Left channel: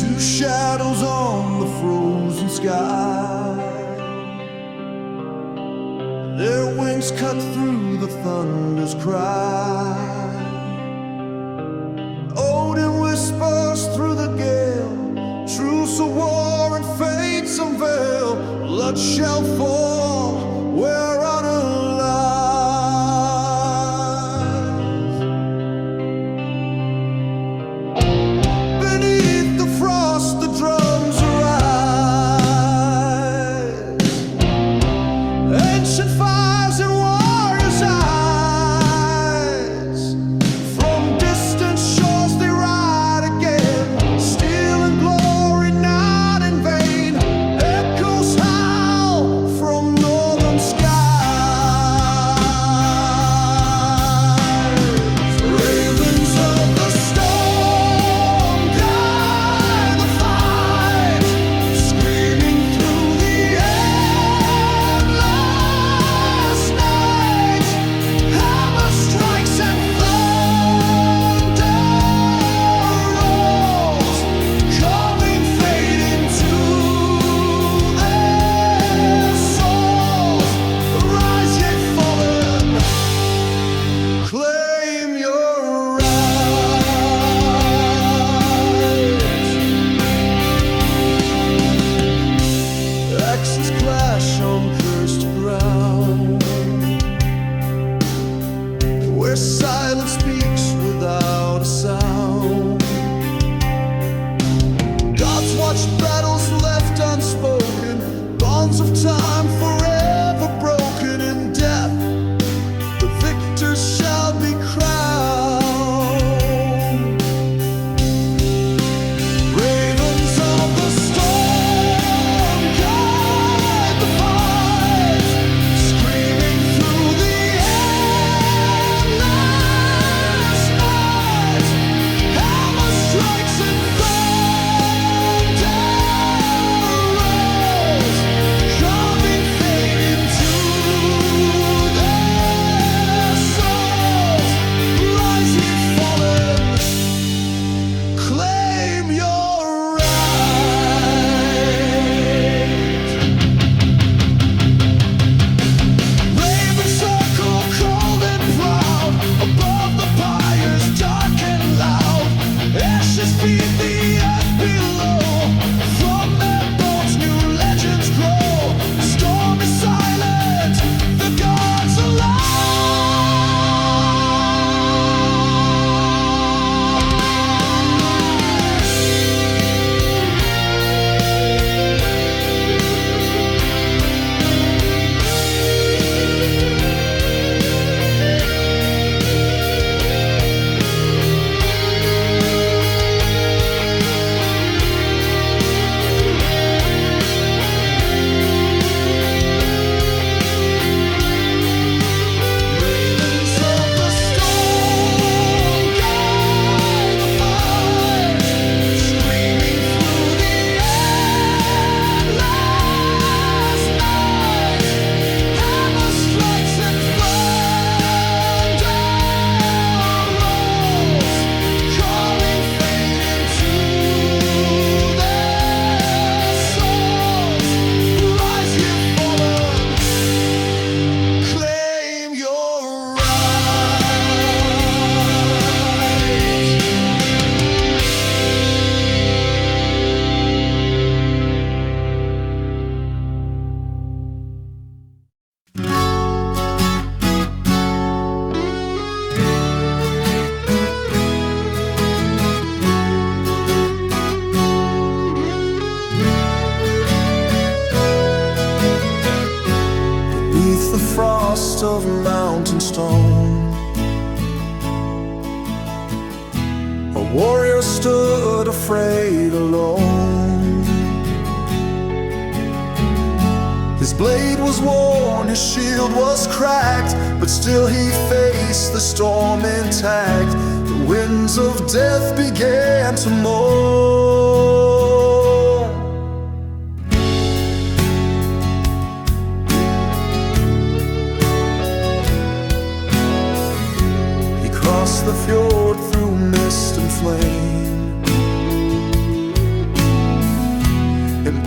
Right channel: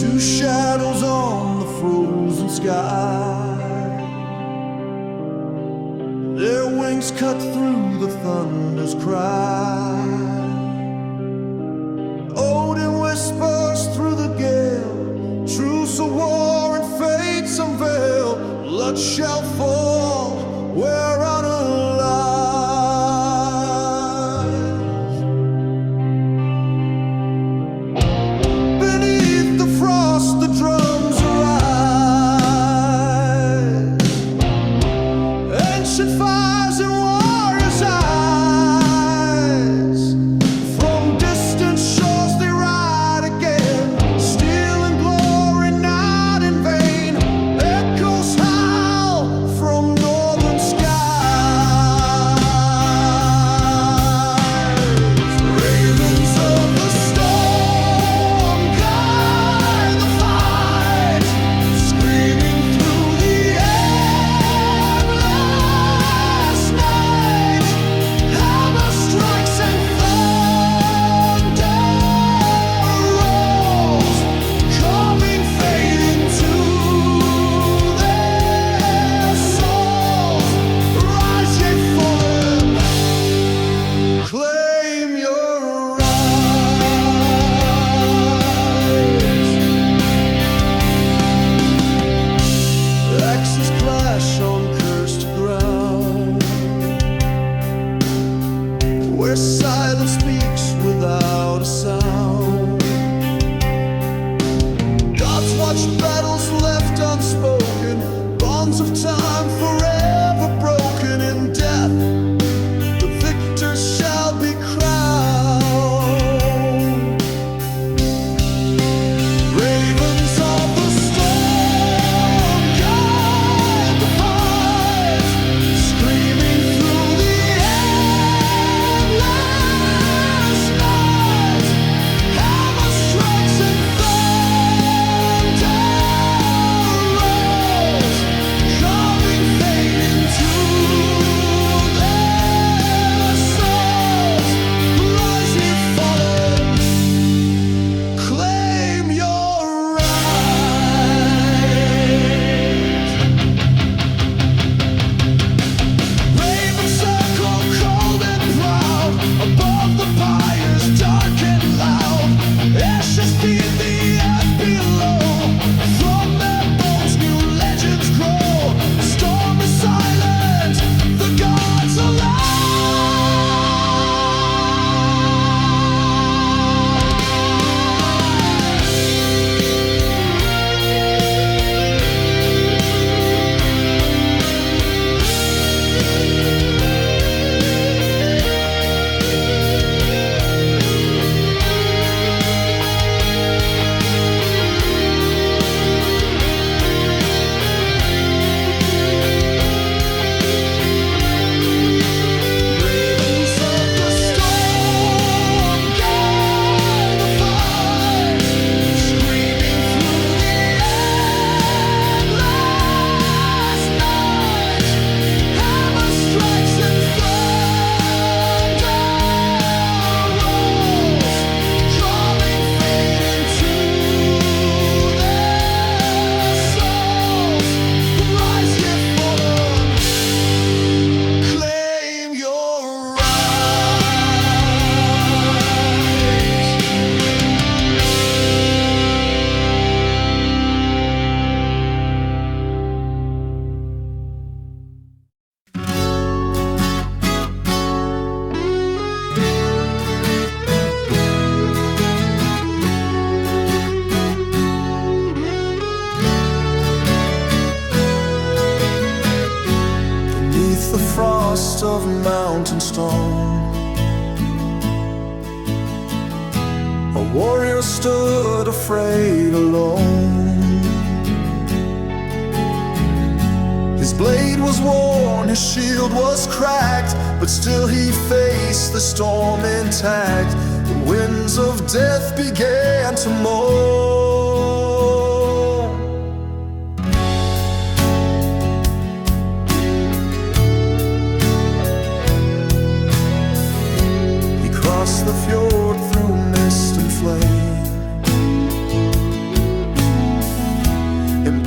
Two shadows on the frozen sky, their wings cut through the thunder's cry. Odin whispers through the gale, truce of war and fates unveil. Blood shall fall where honor lies. Beneath the frost the drums arise, ancient fires in warriors' eyes. From distant shores they ride again, steel and glory not in vain. Echoes howl from northern skies. Ravens of the storm guide the fight, screaming through the endless night. Hammer strikes and thunder rolls, carving fate into their souls. Rise, ye fallen, claim your rights. Axes clash on cursed ground, where silence speaks without a sound. Gods watch battles left unspoken, bonds of time forever broken. In death the victors shall be crowned. Ravens of the storm guide the fight, screaming through the endless night. Hammer strikes and thunder rolls, carving fate into their souls. Rise, ye fallen, claim your right. Raven circle cold and proud, above the pyres dark and loud. Ashes feed the earth below, from their bones new legends grow. The storm is silent, the gods alive. Ravens of the storm guide the fight, screaming through the endless night. Hammer strikes and thunder rolls, carving fate into their souls. Rise, ye fallen, claim your rights. Beneath the frost of mountain stone, a warrior stood afraid alone. His blade was worn, his shield was cracked, but still he faced the storm intact. The winds of death began to moan. He crossed the fjord through mist and flame,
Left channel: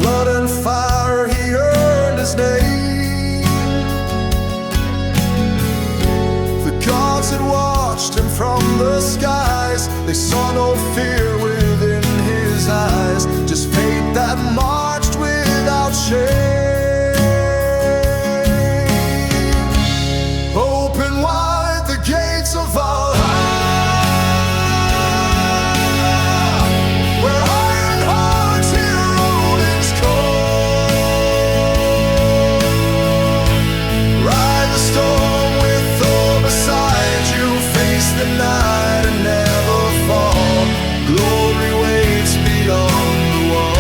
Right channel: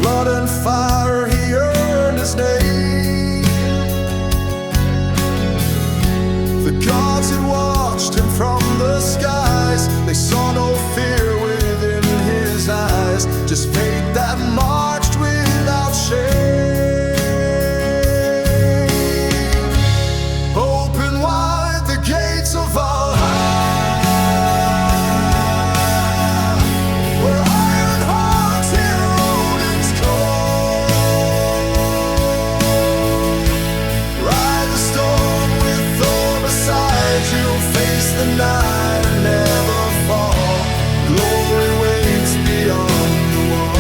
blood and fire he earned his name. The gods had watched him from the skies. They saw no fear within his eyes, just fate that marched without shame. Open wide the gates of Valhalla, where iron hearts hear Odin's call. Ride the storm with Thor beside you, face the night and never fall. Glory waits beyond the wall.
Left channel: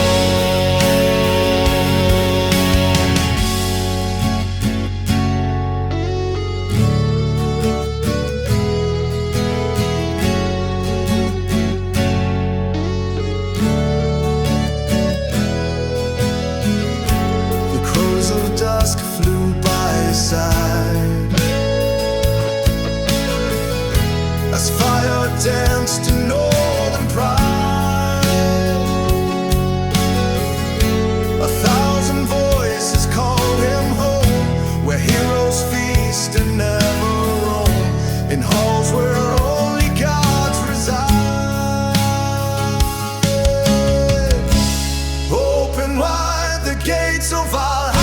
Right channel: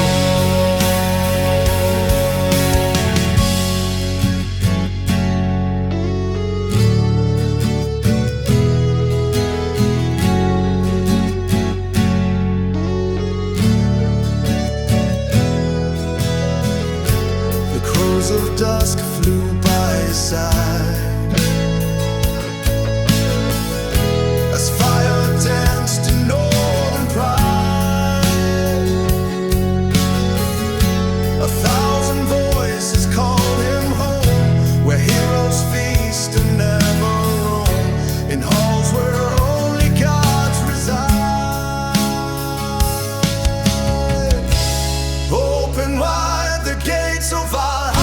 The crows of dusk flew by his side as fire danced in northern pride. 1,000 voices called him home, where heroes feast and never roam, in halls where only gods reside. Open wide the gates of Valhalla,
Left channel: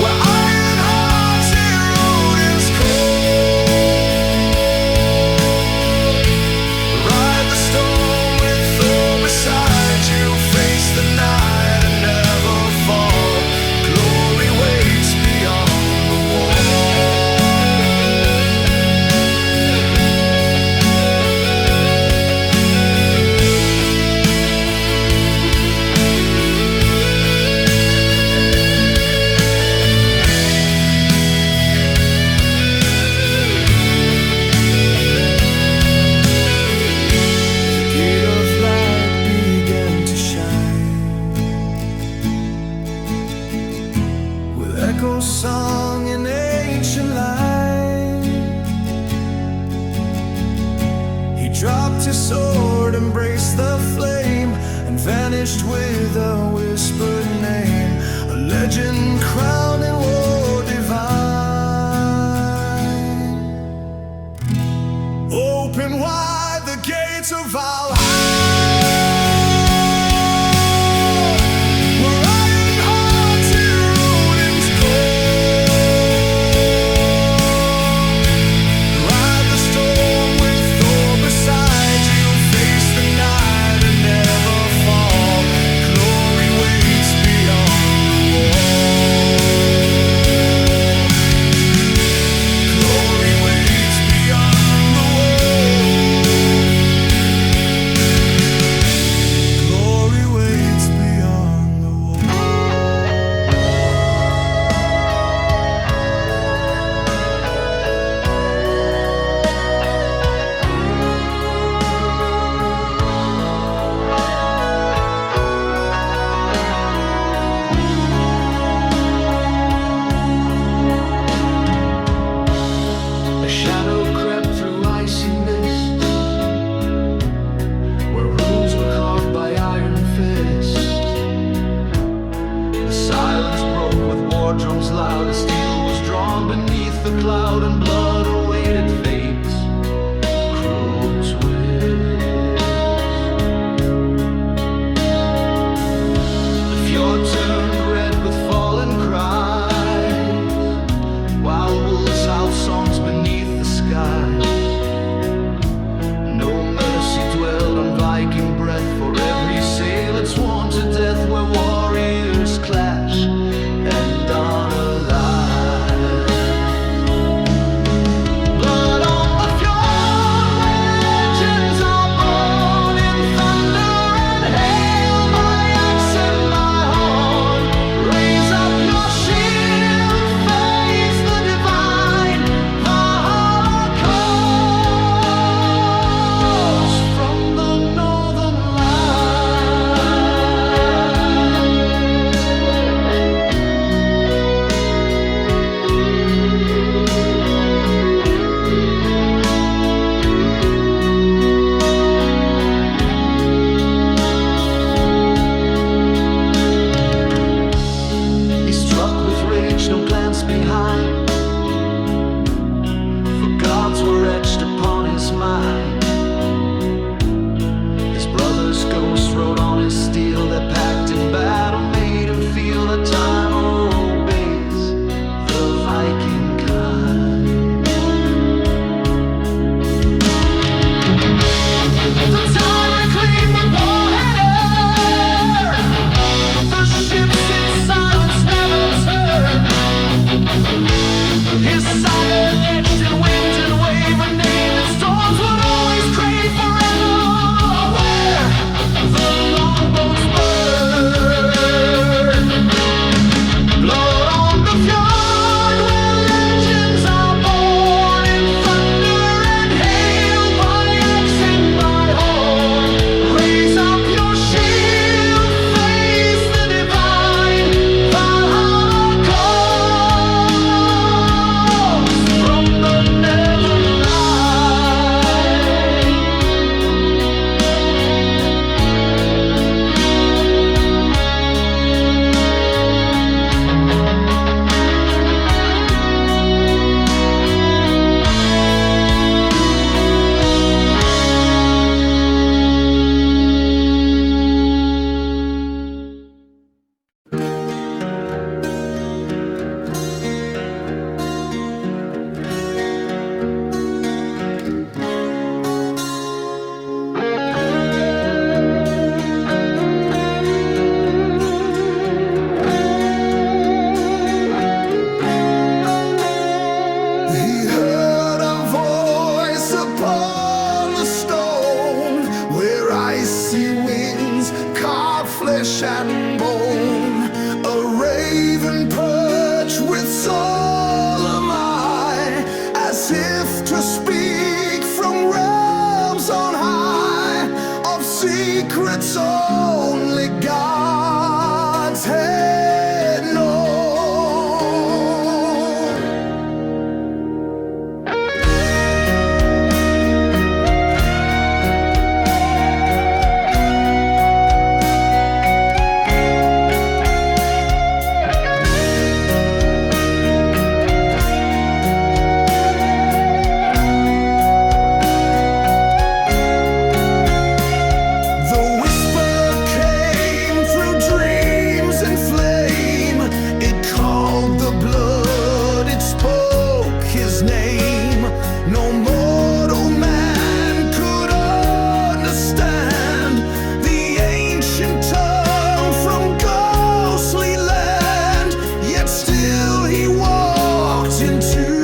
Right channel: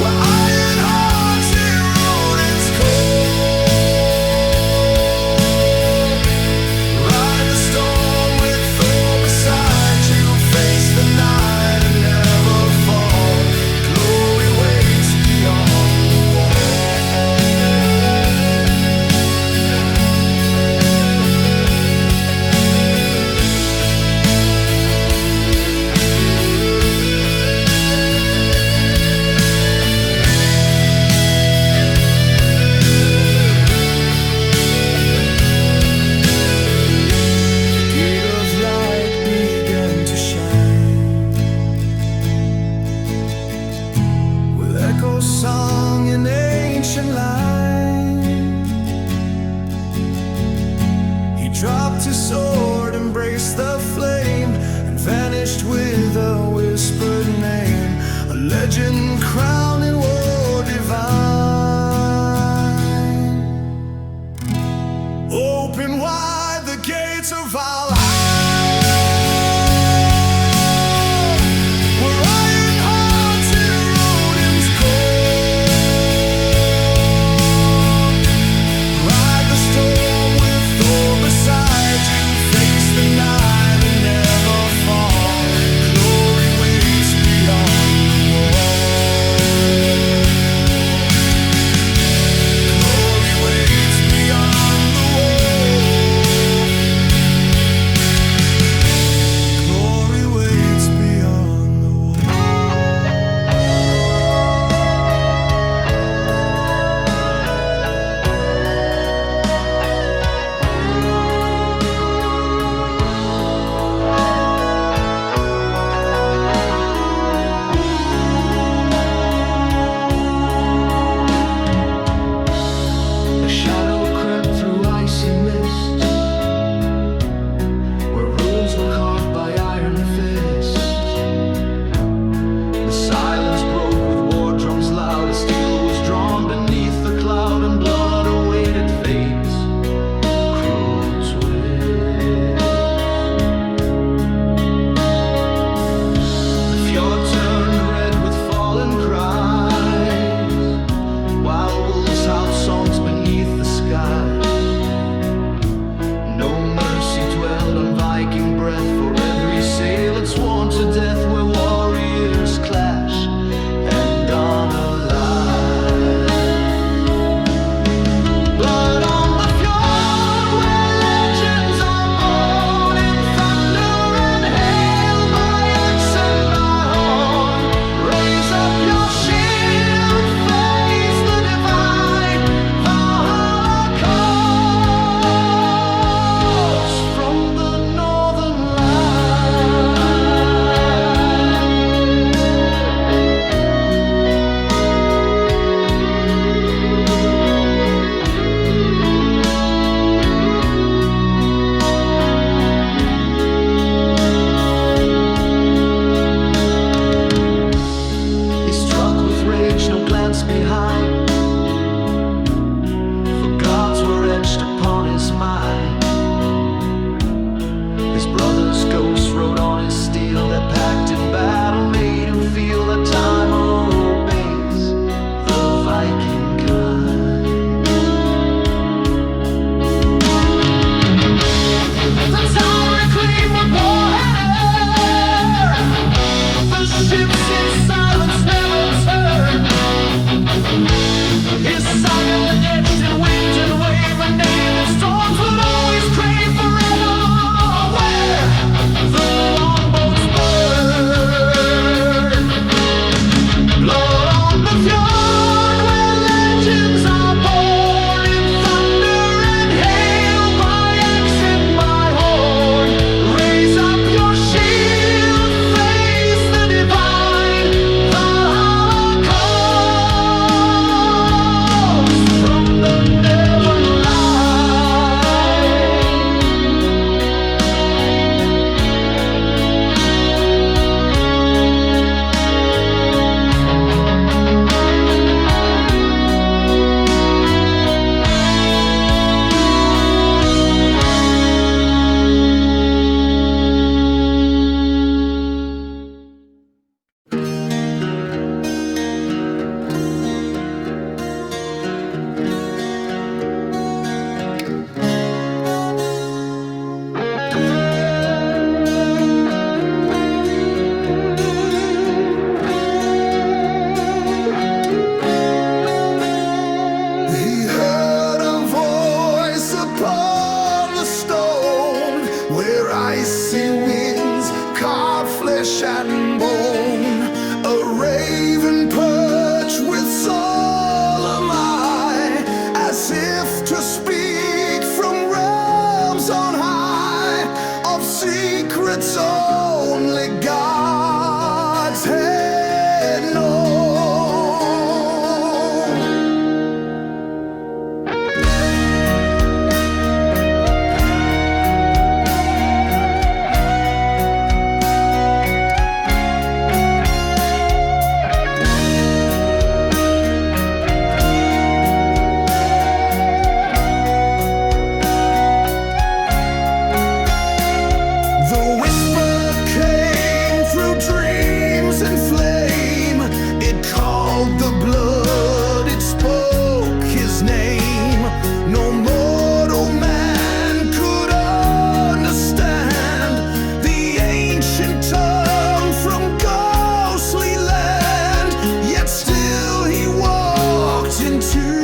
where iron hearts hear Odin's call. Ride the storm with Thor beside you, face the night and never fall. Glory waits beyond the wall. The gate of light began to shine, with echoes sung in ancient line. He dropped his sword, embraced the flame, and vanished with a whispered name, a legend crowned in war divine. Open wide the gates of Valhalla, where iron hearts hear Odin's call. Ride the storm with Thor beside you, face the night and never fall. Glory waits beyond the wall. Glory waits beyond the wall. Glory waits beyond the wall. A shadow crept through icy mists, where runes were carved by iron fists. The silence broke with war drums loud, as steel was drawn beneath the cloud, and blood awaited fate's cruel twist. The fjord turned red with fallen cries, while wolves howled songs beneath the sky. No mercy dwelled on Viking breath, for every sail had sworn to death, where warriors clash and honor lies. Blood on the fjord, where legends are born, in thunder and hail, by axe and by horn. Raise up your shield, face the divine. Valhalla calls from the northern line. stage, no glance behind, for gods were etched upon his mind. His brother's ghost rode on his steel, that pact in battle made him feel that time obeys the Viking kind. The tide reclaimed what war had earned, the ships in silence never turned. His saga etched in wind and wave, a name that storms would always crave forever. The longboats burn, blood on the fjord, where legends are born in thunder and hail, by axe and by horn. Raise up your shield, face the divine. Valhalla calls from the never He heard a voice upon the stone, where icy winds carved flesh and bone. A raven perched with solemn eye, as if to speak from realms on high, of secrets only gods had known. The whisper came through dreams and flame. It called the blood, it spoke his name. No mortal man could understand the ancient tongue from ghostly land. Yet still he walked into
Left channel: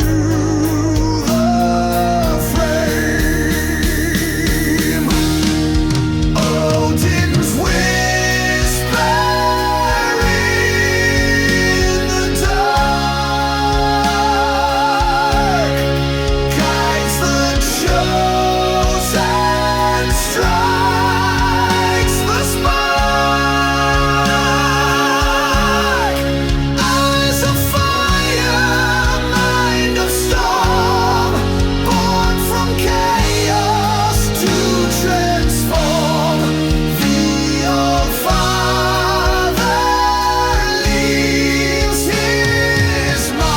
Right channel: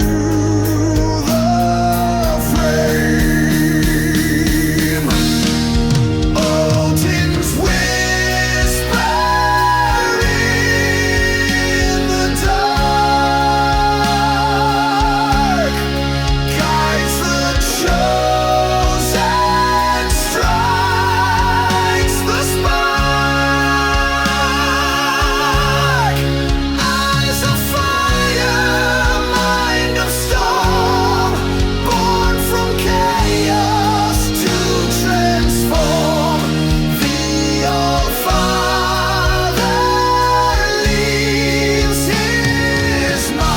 the frame. Odin's whisper in the dark guides the chosen, strikes the spark. Eyes of fire, mind of storm, born from chaos to transform. The Old Father leaves his mark.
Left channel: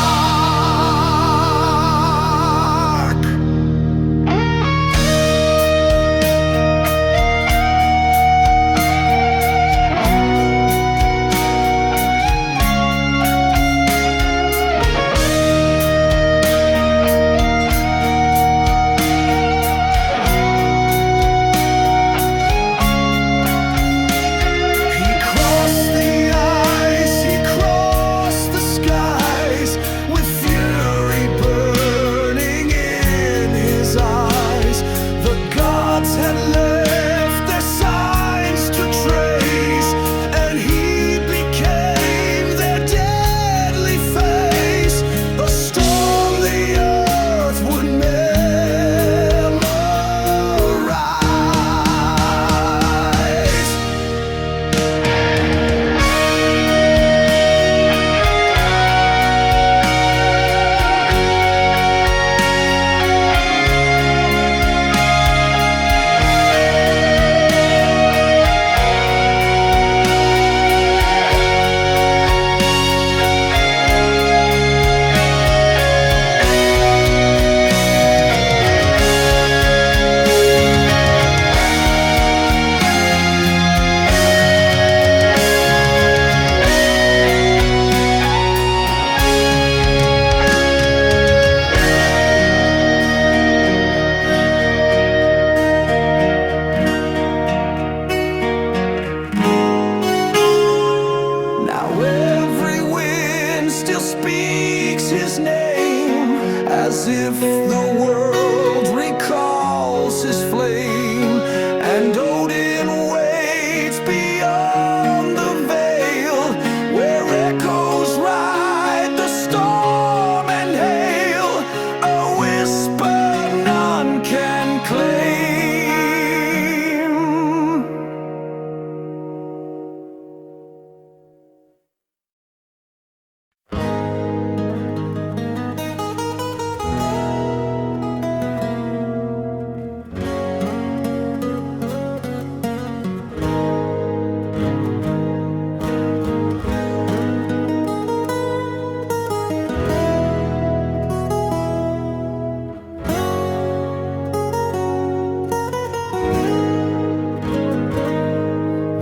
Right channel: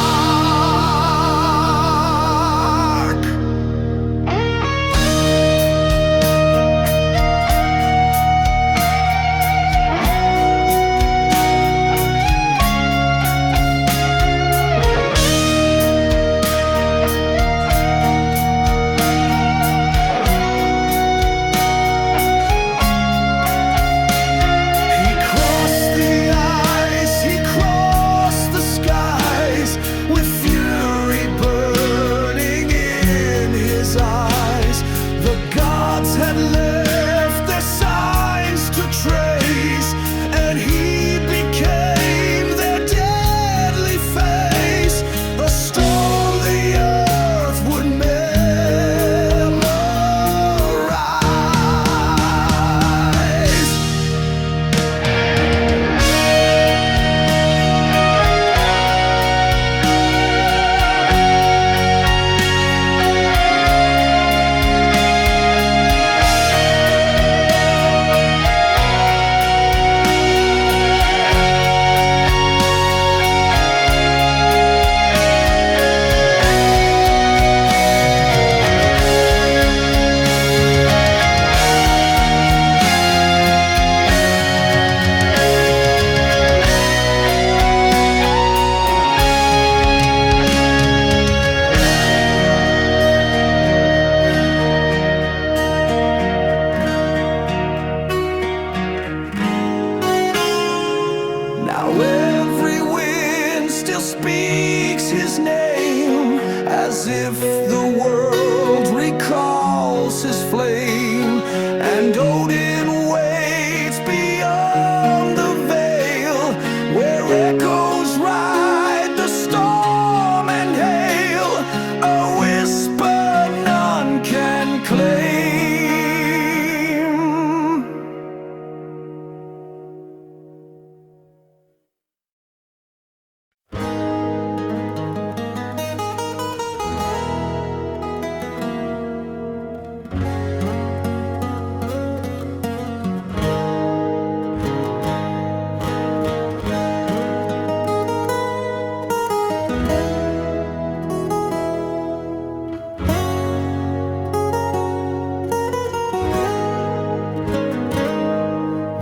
He crossed the ice, he crossed the skies, with fury burning in his eyes. The gods had left their signs to trace, and he became their deadly face. A storm the earth would memorize. speaks his name, as if the world recalls his flame. And Odin waits beyond the veil, where echoes ride the storm and hail, a whisper none can claim.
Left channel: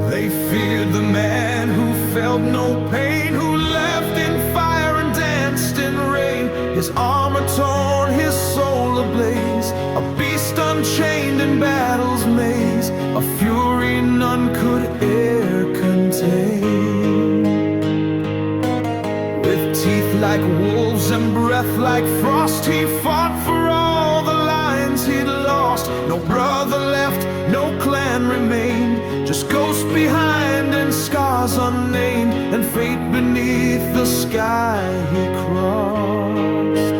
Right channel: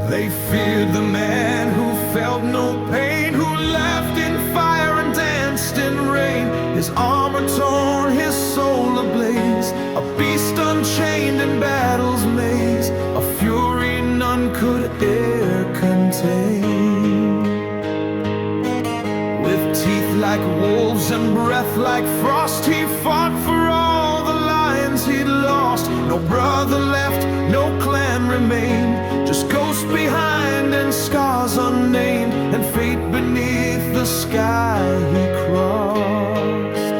They feared the man who felt no pain, who laughed in fire and danced in rain. His armor torn, his soul ablaze, a beast unchained in battle's maze, a fury none could e'er contain. With teeth like wolves and breath like frost, he fought for all the lions he'd lost. No brother left, no clan remained, just ghosts behind and scars unnamed, and fate beneath the sky he crossed.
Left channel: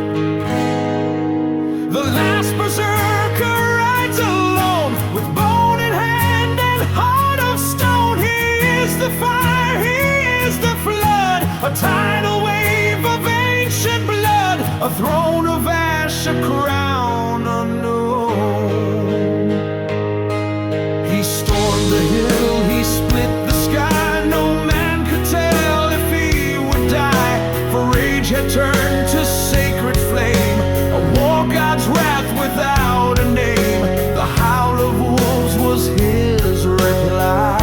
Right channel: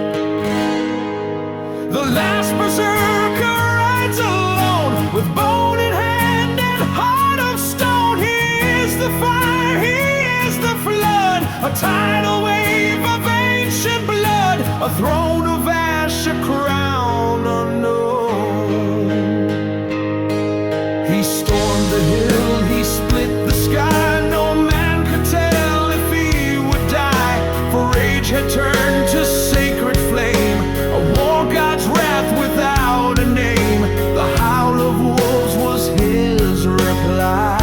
The last berserker rides alone, with bone in hand and heart of stone. He is the fire, he is the flood, a tidal wave of ancient blood, a throne of ash, a crown unknown. He stormed the hill, he split the sky, no man could tell if he would die, for rage had turned to sacred flame, a war god's wrath without a name. The howl of wolves was his reply.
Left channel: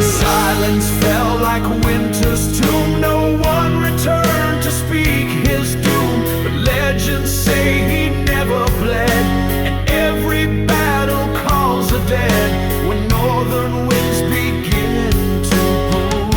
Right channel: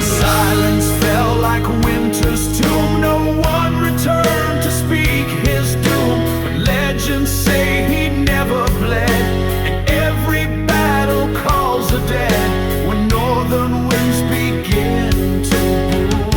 Silence fell like winter's tomb, no one returned to speak his doom. But legends say he never bled, and every battle calls the dead when northern winds begin to boom.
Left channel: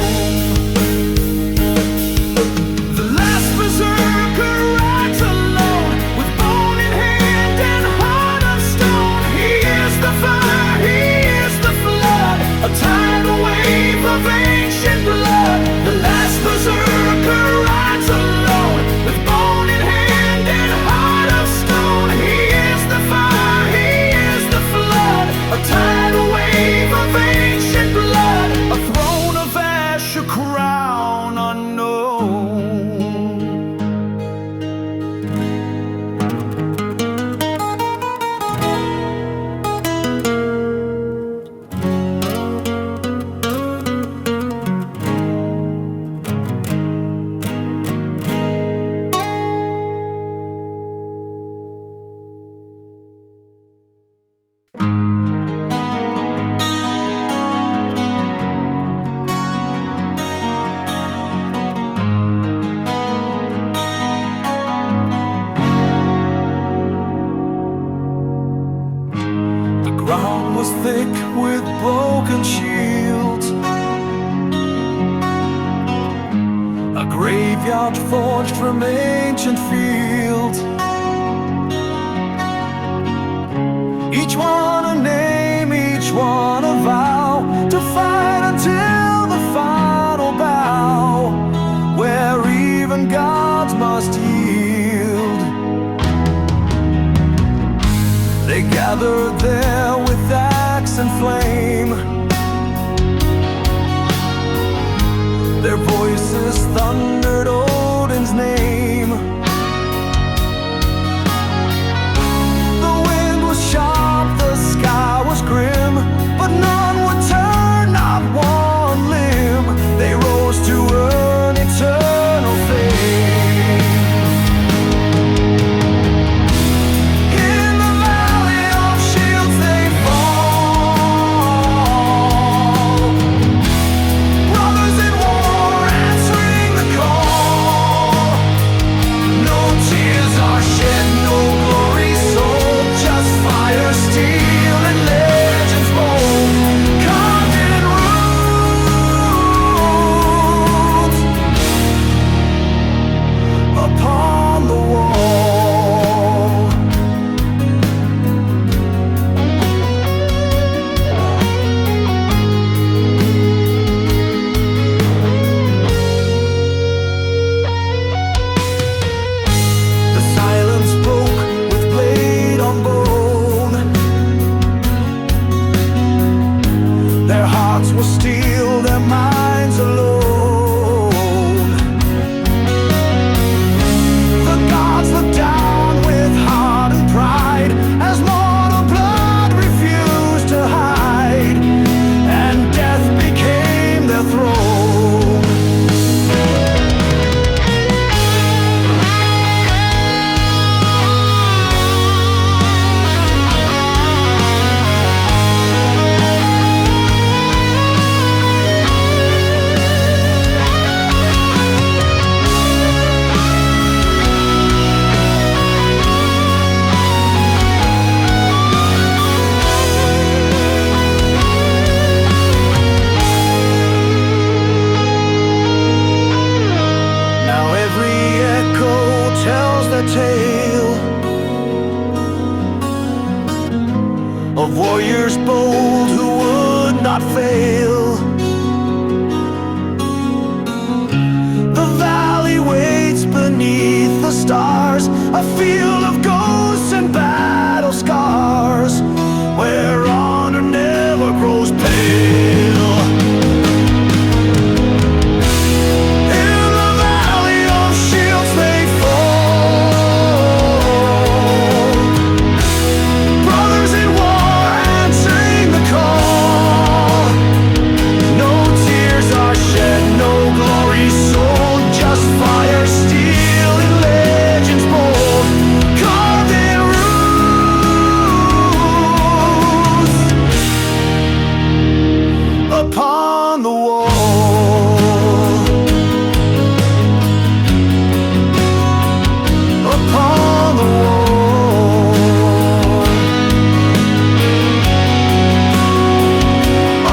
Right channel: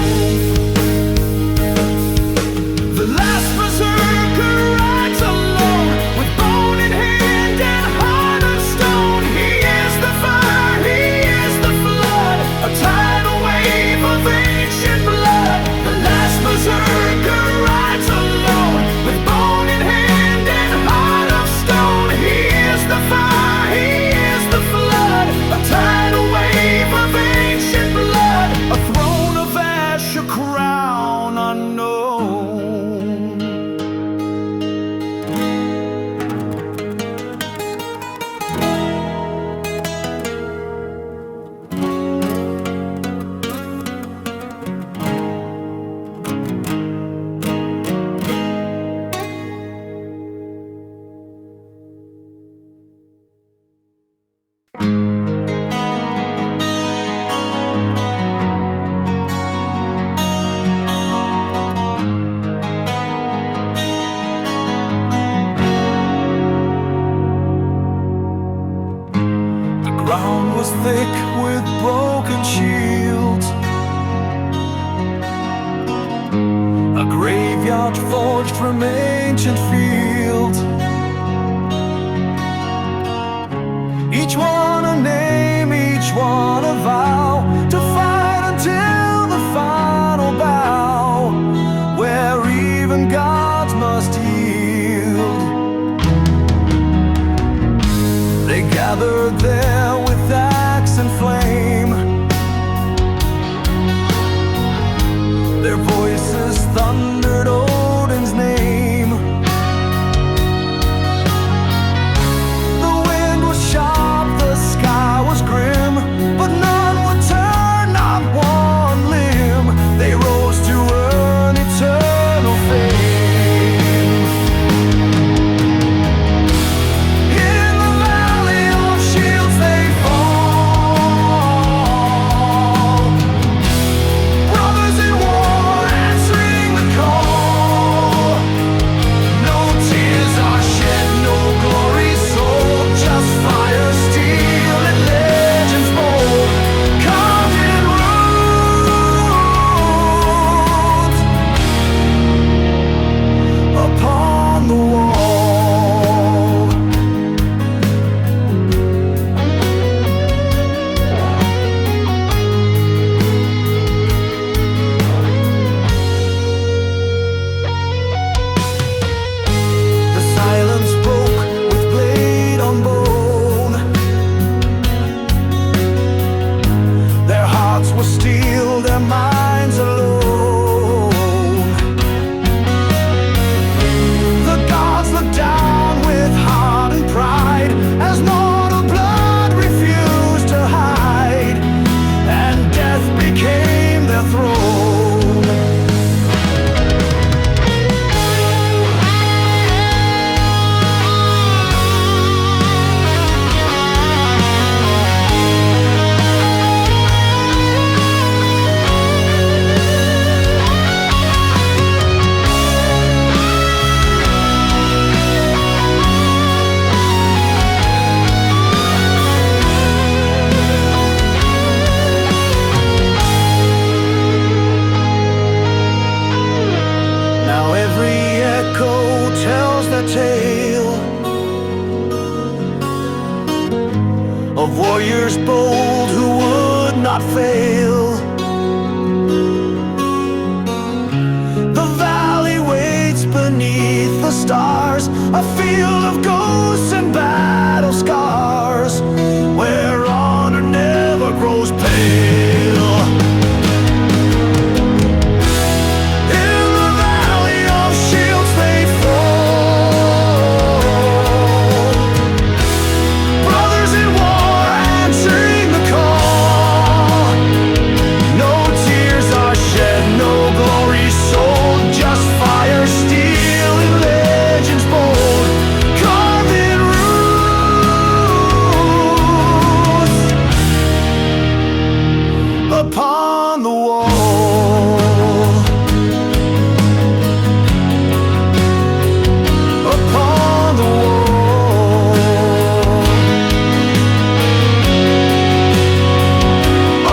The last berserker rides alone, with bone in hand and heart of stone. He is the fire, he is the flood, a tidal wave of ancient blood. The last berserker rides alone, with bone in hand and heart of stone. He is the fire, he is the flood, a tidal wave of ancient blood, a throne of ash, a crown unknown. The ground was thick with broken shields, a graveyard forged from ancient fields. Each one a name, each one a vow, to fight until the final bow, where even gods must yield. They gathered there with axe and flame, their voices thundered Odin's name. The wind was sharp, the sky was grim, but none would turn, not one limb. They rose to earn eternal fame. will steal their minds alone. The gods look down with heart and pride as mortal blood refused to hide, and death became their throne. Now every echo tells their tale of warriors bold who would not fail. The valley waits beneath the stars, a field of ghosts and battle scars, where honor never grows pale. Shields they fall, brothers in war answering the call. No tears are shed, no glory sold, just fire, steel, and legends bold, carved in roots upon the wall. Upon the wall,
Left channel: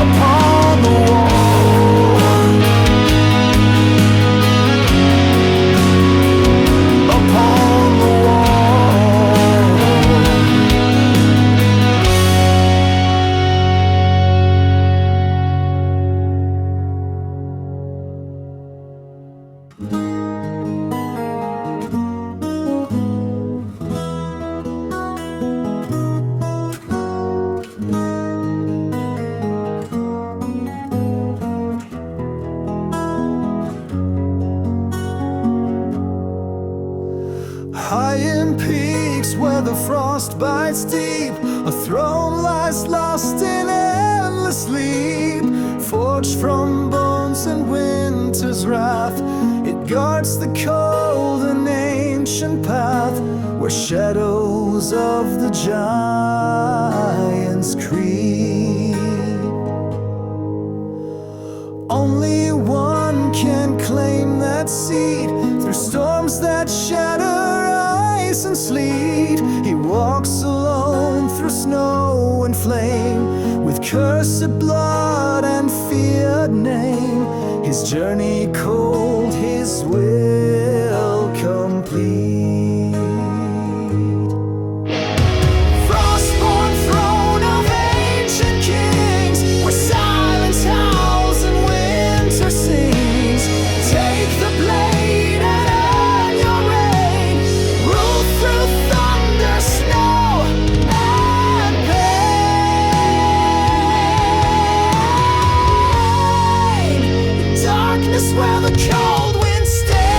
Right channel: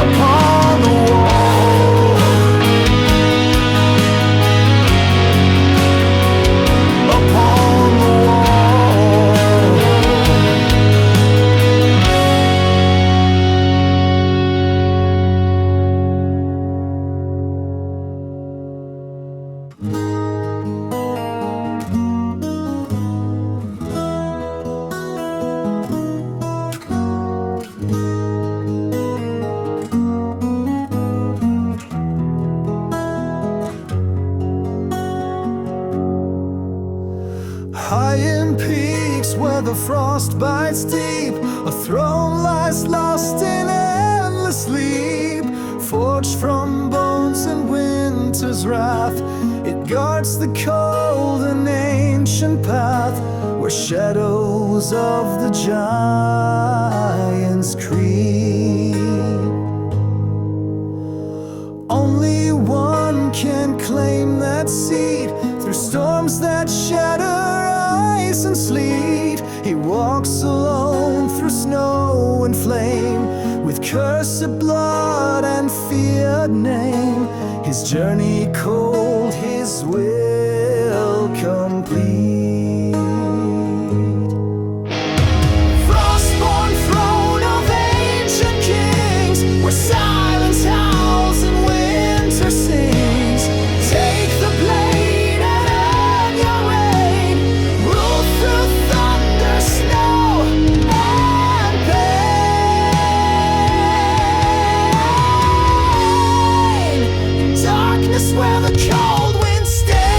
upon the wall, upon the high in peaks where the frost bites deep, a throne lies lost in endless sleep. Forged from bones and winter's wrath, it guards the cold and ancient path where shadows of the giants creep. Only one can claim that seat through storms that shatter ice and sleet. He walks alone through snow and flame, with cursed blood and feared name. His journey cold, his will complete. Frostborn throne of ancient kings, where silence howls and winter sings. Take the blade and earn your reign, rule through thunder, snow, and pain. In darkness where the cold wind stays,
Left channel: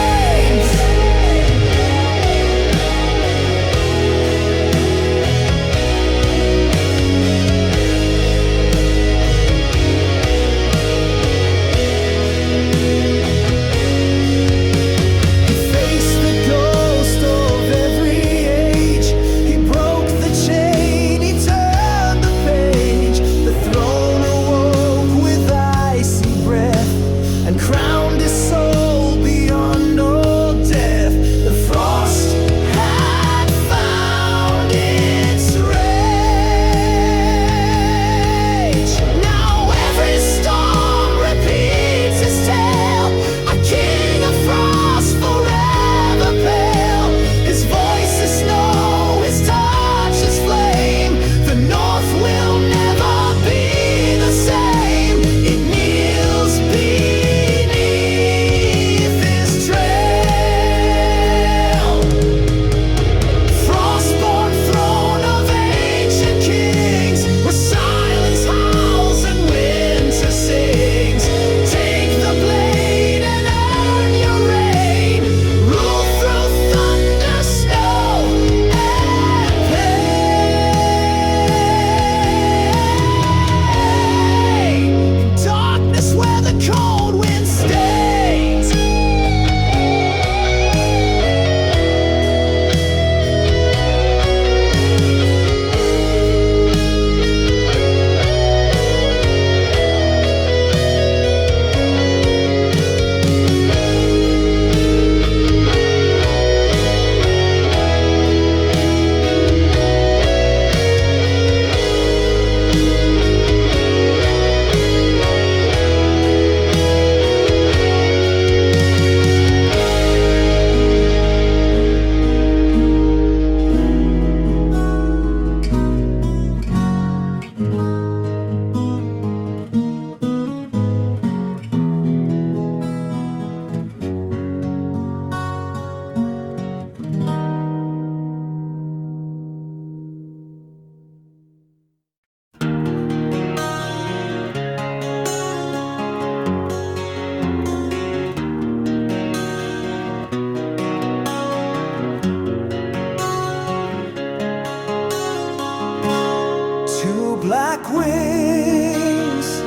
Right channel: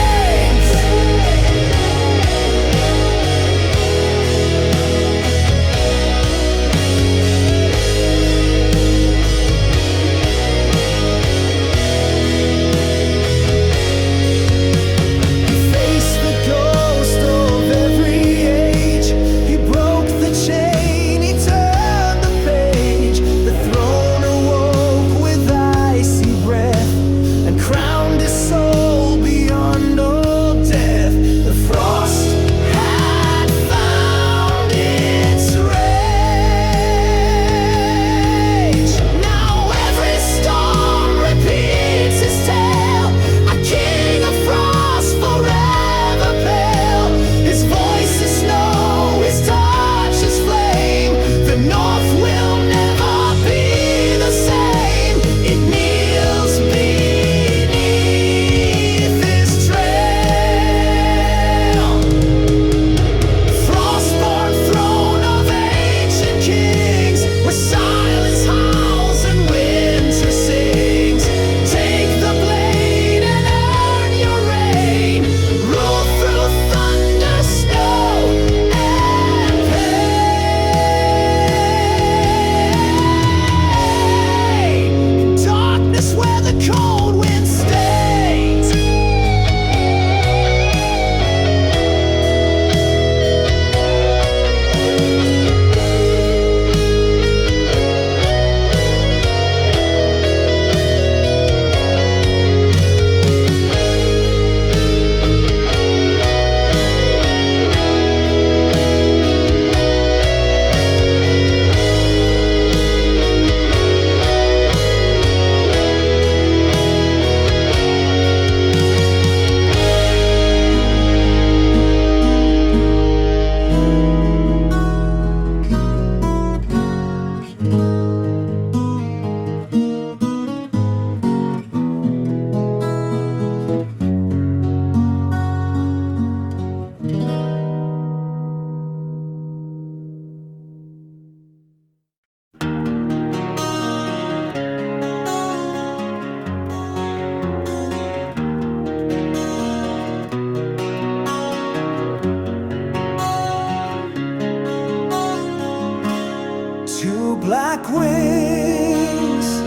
Two black wings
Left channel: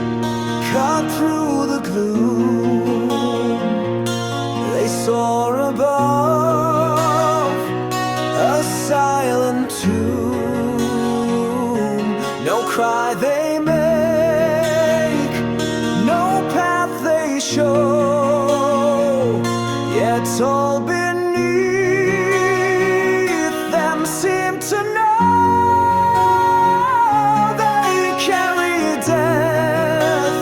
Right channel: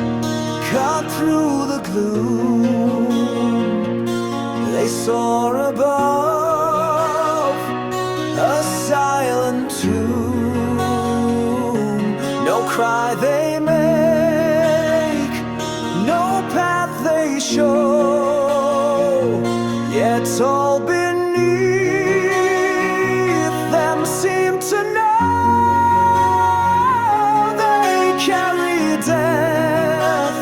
cut through the gloom. They soar above a silent tomb. No cry they make, no path they show, yet all beneath them seem to know they carry death,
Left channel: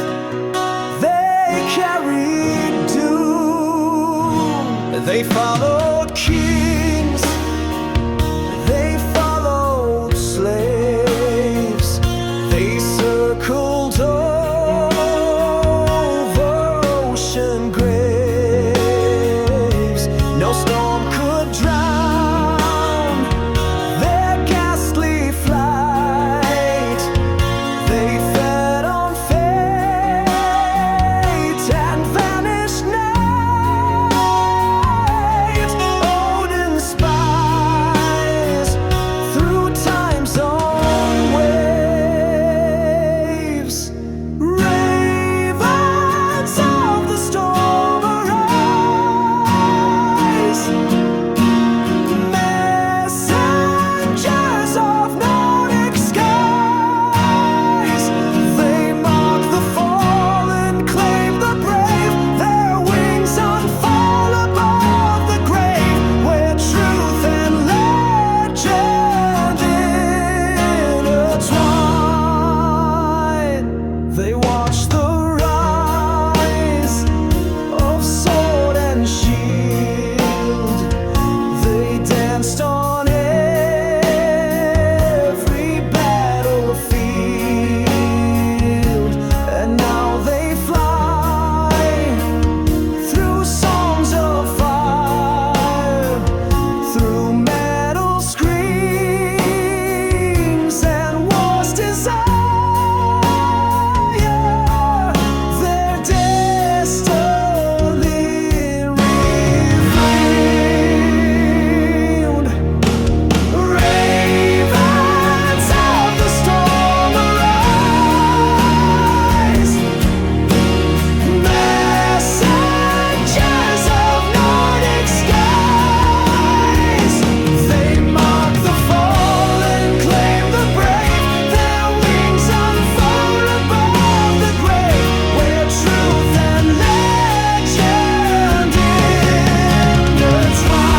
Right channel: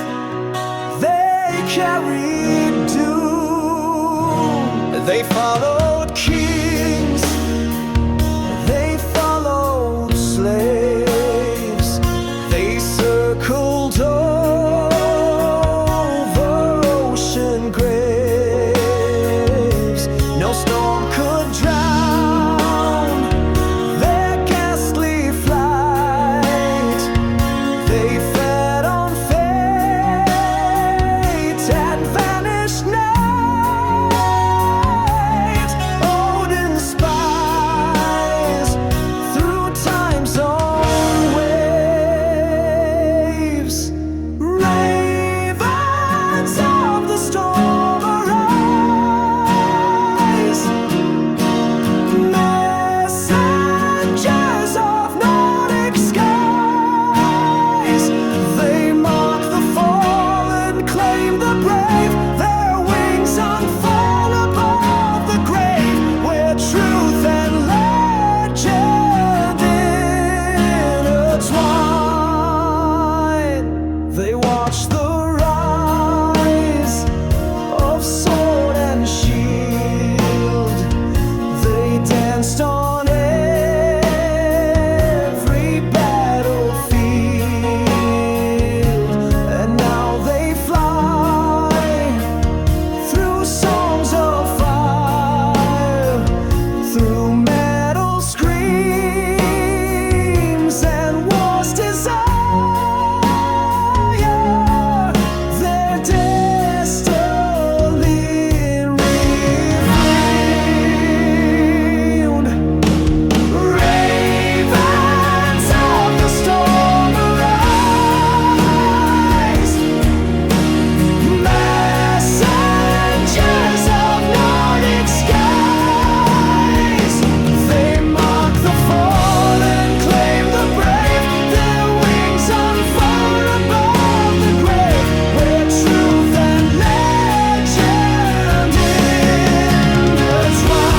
they carry doom. They followed kings, they followed slaves, they circled over ocean graves. No storm could drown their ghastly flight. They fed on fate and vanished night. Odin spies through time's own waves. Ravens of the storm arise, messengers of Nordic skies. They mark the fallen, claim the brave. Their wings unfold above the grave, where truth and legend intertwine. They watch the rise of sword and shield. They danced on every battlefield, and now they fly through songs of fire, through metal screams and war's desire. Their destiny reflamed. Ravens of the storm arise, messengers of Nordic skies. They mark the fallen, claim the brave. Their wings unfold above the grave, where truth and legend intertwine.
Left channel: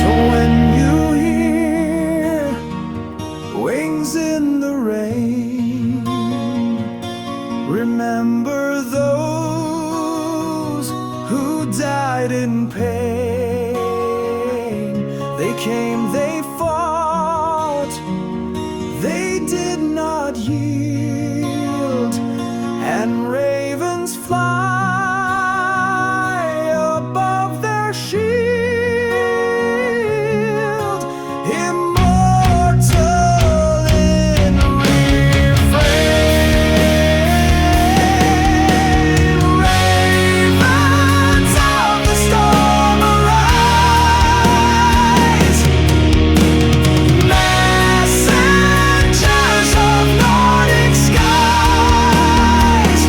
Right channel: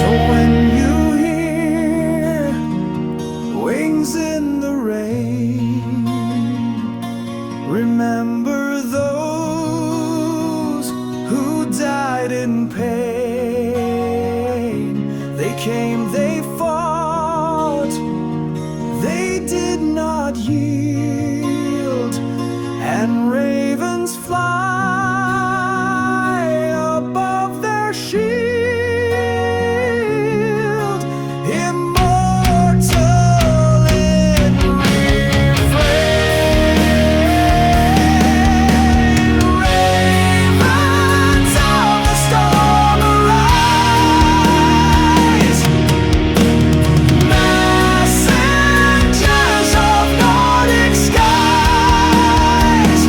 So when you hear wings in the rain, remember those who died in pain. They came, they fought, they did not yield, and ravens fly above their shield. Immortal in refrain. Ravens of the storm arise, messengers of Nordic skies.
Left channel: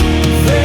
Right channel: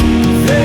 They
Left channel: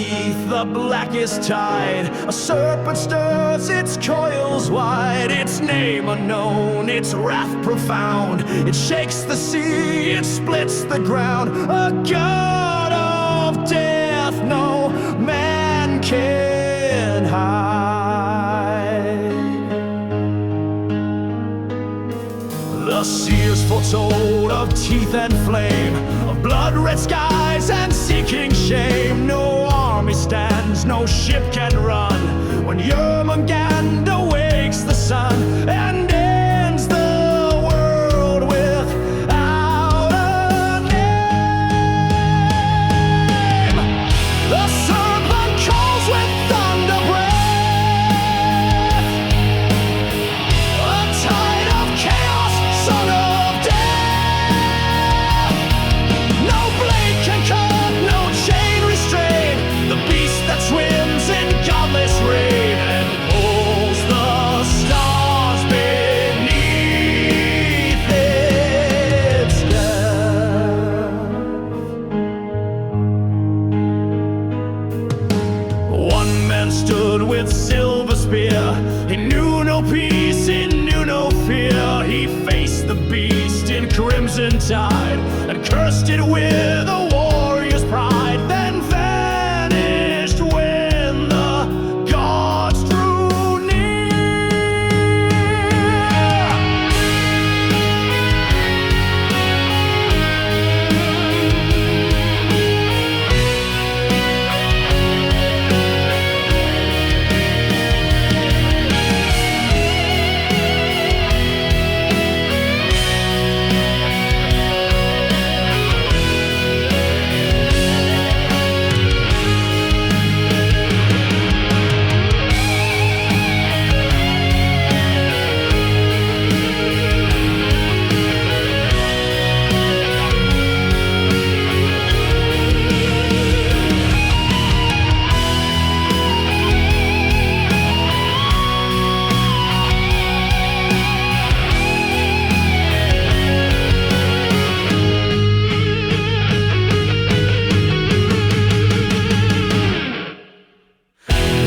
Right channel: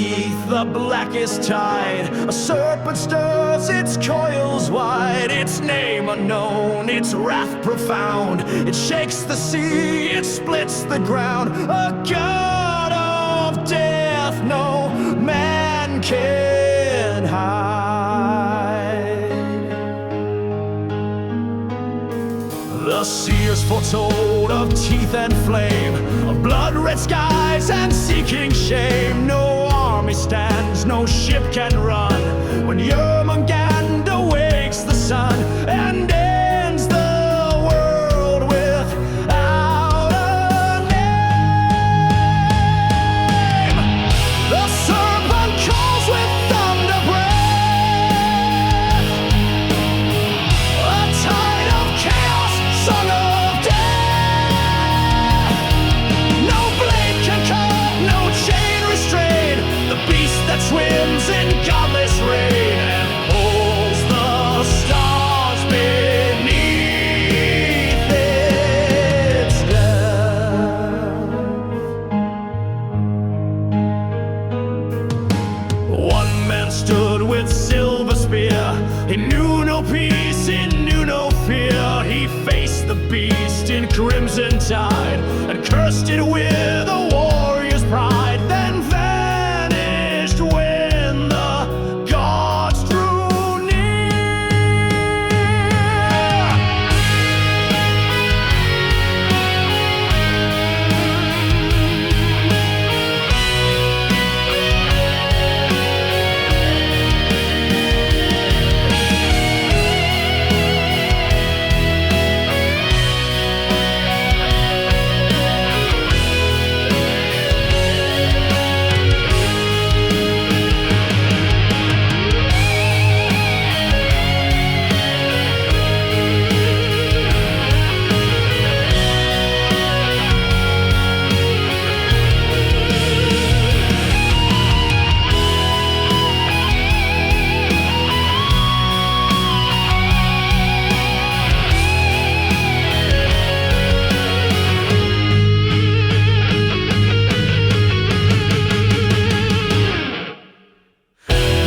beneath the blackest tide. A serpent stirs its coils wide, its name unknown, its wrath profound. It shakes the sea, it splits the ground. A god of death no man can hide. The seers foretold of teeth and flame, of blood-red skies and seeking shame. No army stands, no ship can run, when Jörmungand awakes the sun and ends the world without a name. The serpent calls with thunder breath, a tide of chaos, song of death. No blade can cut, no chain restrain the beast that swims in godless rain and pulls the stars beneath its depth. One man stood with silver spear. He knew no peace, he knew no fear. He faced the beast in crimson tide and cursed it with a warrior's pride, then vanished when the gods drew near.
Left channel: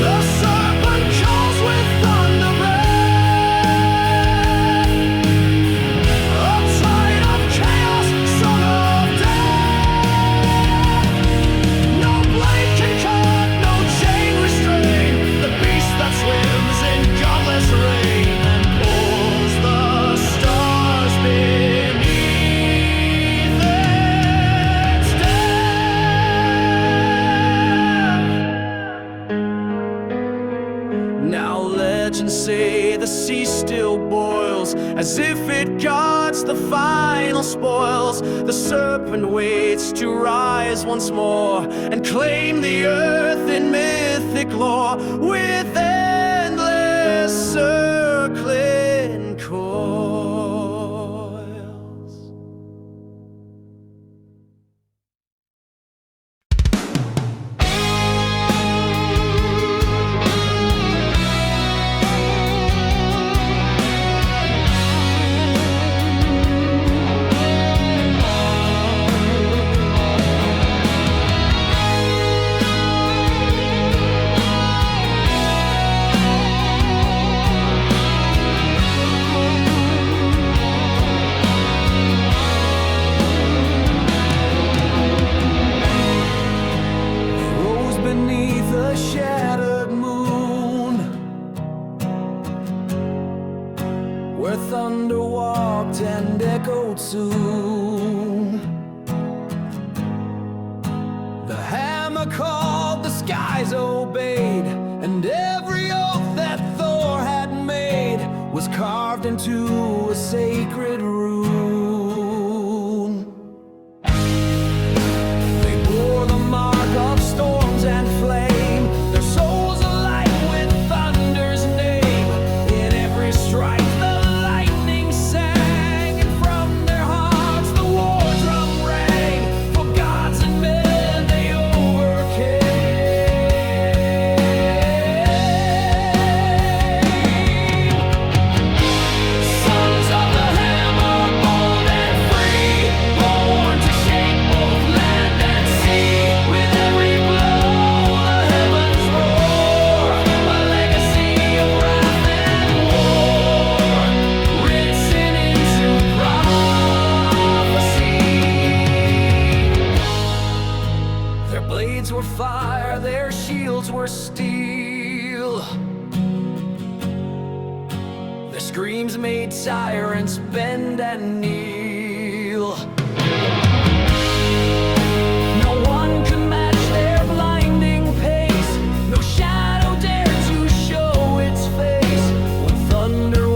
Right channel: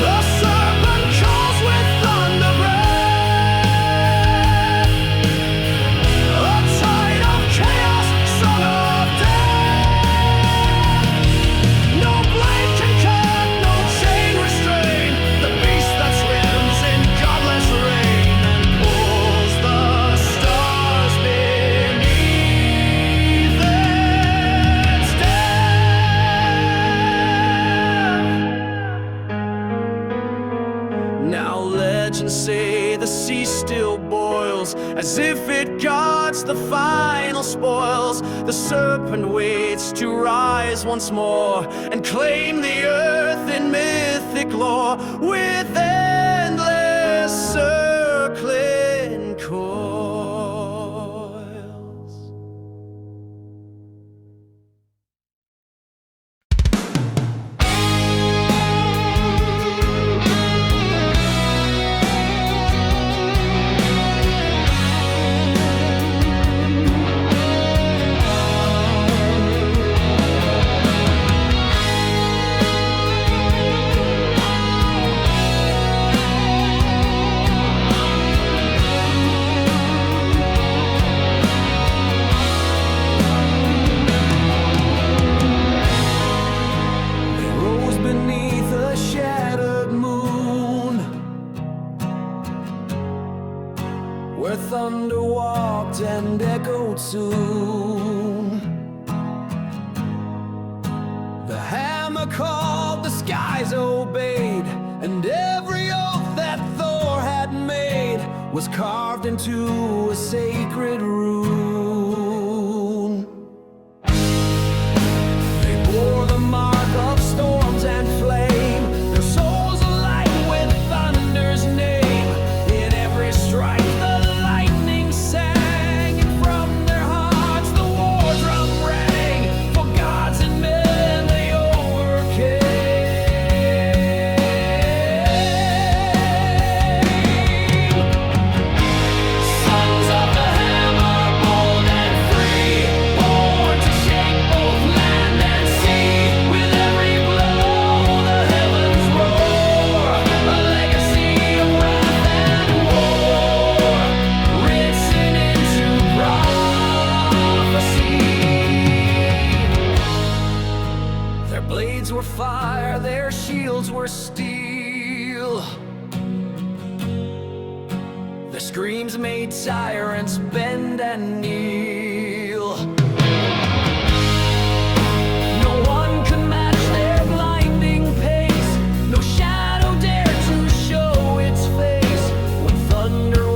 The serpent calls with thunder breath, a tide of chaos, song of death. No blade can cut, no chain restrain the beast that swims in godless rain and pulls the stars beneath its depth. Now legends say the sea still boils, as if it guards the final spoils. The serpent waits to rise once more and claim the earth in mythic lore, with endless circling coils. Beneath a shattered moon, where thunder walked and echoed soon. The hammer called, the skies obeyed, and every oath that Thor had made was carved into a sacred rune. They bore the mark of storms and flame, their souls alight with thunder's name. In every strike the lightning sang, and from their hearts the war drum rang. For gods and men they overcame. Sons of the hammer, bold and fire, their shields were steel. Their screams made tyrants bend and kneel. No one could match their blinding pace. No shadow dared to show its face. When thunder